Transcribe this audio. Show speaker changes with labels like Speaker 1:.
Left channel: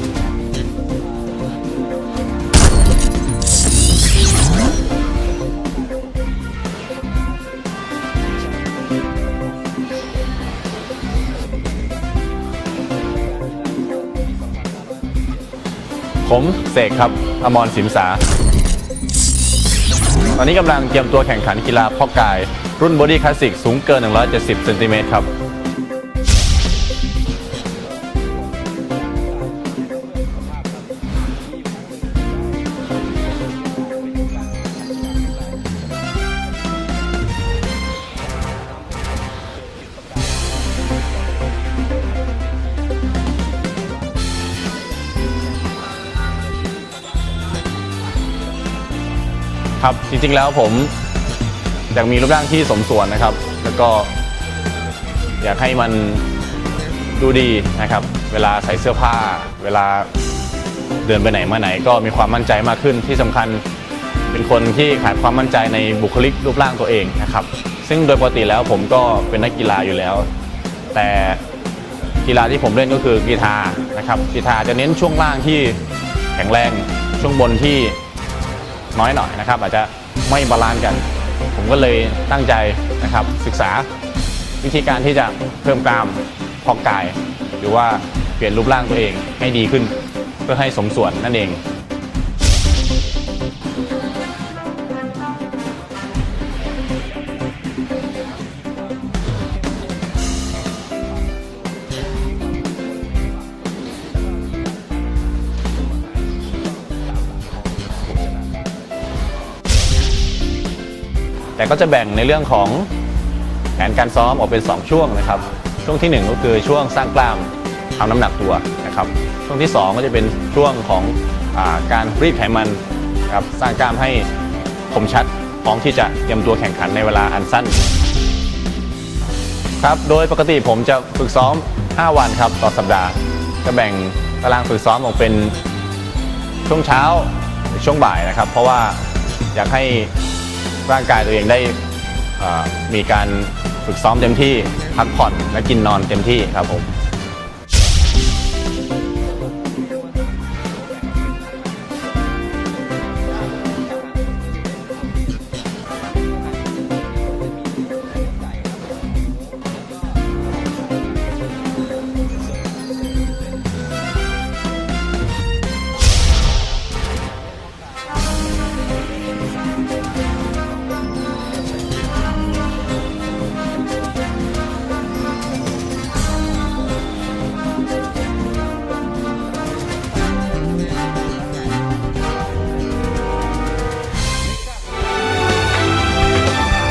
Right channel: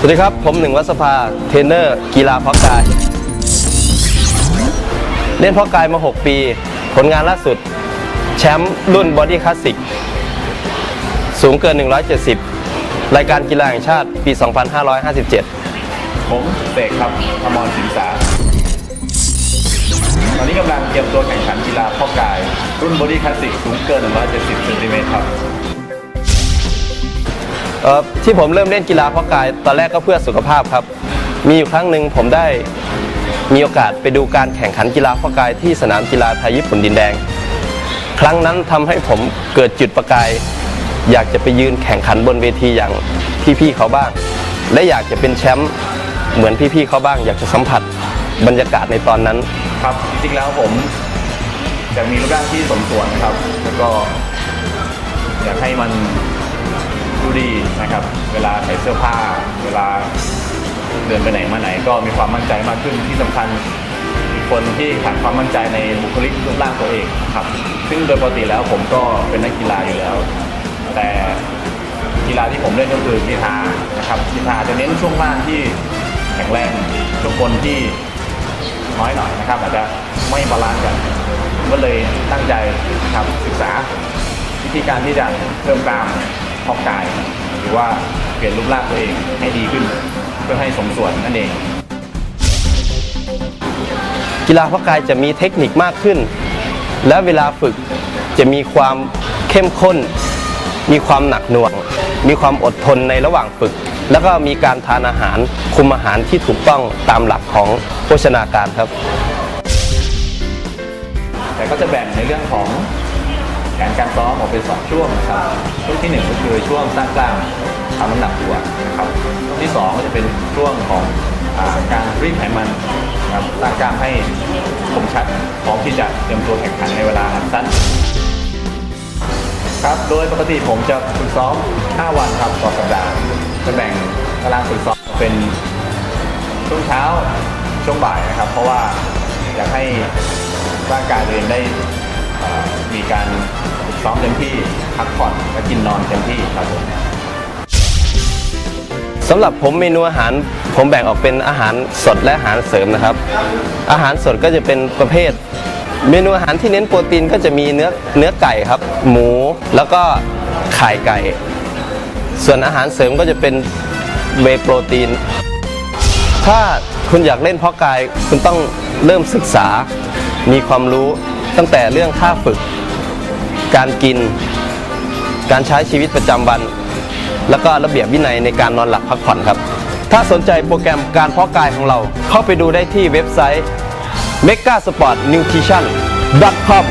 Speaker 1: สวัสดีครับ ผมหนึ่งวัสภา เทรนเนอร์ กีฬาเพาะกาย เล่นเพาะกายมา 6 ปี ผลงานล่าสุด แชมป์รุ่นบอดี้คลาสสิก สูงเกิน 170 รายการกีฬาแห่งชาติปี 2557
Speaker 2: ผมเสกครับอมรศิลสา ตอนนี้กำลังเตรียมตัวแข่งขันกีฬาเพาะกาย รุ่นบอดี้คลาสสิกสูงเกิน 170เซนติเมตรครับ
Speaker 1: ที่ผมเริ่มเล่นกีฬาเพาะกาย ตอนแรกก็เพื่อสุขภาพครับ มีอยู่ครั้งหนึ่งผมได้มีโอกาสไปดูการแข่งขันกีฬาเพาะกายที่สนามกีฬาไทยญี่ปุ่นดินแดง ครั้งนั้นทำให้ผมเกิดจุดประกาย อยากจะไปยืนแข่งขันบนเวทีอย่างพี่ๆเขาบ้าง และอยากจะเป็นแชมป์เหมือนพี่ๆเขาบ้าง อยากจะสัมผัสบรรยากาศในตอนนั้น
Speaker 2: ครับ จริงๆแล้วผมอยากมีรูปร่างที่สมส่วนนะครับ แล้วก็อยากให้มัน ดูดีนะครับ เวลาใส่เสื้อผ้า เวลาเดินไปไหนมาไหนก็มีความมั่นใจมากขึ้นที่สำคัญเป็นคนที่ขาดความมั่นใจในบุคลิกรูปร่างตัวเองนะครับ ซึ่งโดยปกติแล้วผมก็เป็นนักกีฬาอยู่แล้ว แต่กีฬาที่ผมเล่นก็คือกีฬานะครับกีฬาจะเน้นช่วงล่างที่แข็งแรงช่วงบนที่น้อยหน่อยนะครับ อาจจะไม่บาลานซ์กันผมก็เลยตั้งใจนะครับศึกษา วิธีการที่จะเพิ่มกล้ามพอกกาย หรือว่าเปลี่ยนรูปร่างตัวเองให้ดีขึ้น เพื่อให้สมส่วนนั่นเอง
Speaker 1: กีฬาเพาะกายจะมีเทคนิคมากขึ้น และเวลาฝึกจะมีความเข้มข้น มีความหนักหน่วง มีความอดทนในระหว่างฝึก แล้วก็มีการทานอาหารคุมอาหารที่ถูกต้องตามหลักของโภชนาการครับ
Speaker 2: แต่ก็จะแบ่งในเรื่องของ แผนการซ้อมออกเป็น 2 ช่วงนะครับ ช่วงทีหนึ่1 ก็คือช่วงสร้างกล้ามทำน้ำหนักตัวนะครับ ช่วงที่ 2 ก็จะเป็นช่วงของอาการรีดไขมันครับสร้างกล้ามให้คมชัดพร้อมที่จะเตรียมตัวแข่งขันในเวลาอันสั้นครับโดยปกติผมจะฝึกซ้อม 5 วันครับต่อสัปดาห์จะแบ่งตารางฝึกซ้อมออกเป็นช่วงเช้าช่วงบ่ายนะครับ เพราะว่าอยากให้ร่างกายตัวเองได้มีการ ฝึกซ้อมเต็มที่พักผ่อนและกินนอนเต็มที่ครับผม
Speaker 1: สำหรับผมเมนูอาหารผมแบ่งออกเป็นอาหารสดและอาหารเสริมนะครับ อาหารสดก็จะเป็นประเภท เมนูอาหารที่เน้นโปรตีนก็จะมีเนื้อเนื้อไก่ครับ หมูแล้วก็ไข่ไก่ ส่วนอาหารเสริมก็จะเป็นเวโปรตีน ถ้าคุณอยากเล่นเพาะกายคุณต้องเริ่มศึกษา มีความรู้ตั้งแต่เรื่องท่าฝึก การกิน การใช้ชีวิตประจำวัน แล้วก็ระเบียบวินัยในการนอนหลับพักผ่อนครับ ถ้าสนใจโปรแกรมการเพาะกายของเรา เข้าไปดูได้ที่เว็บไซต์ megasportnutrition.com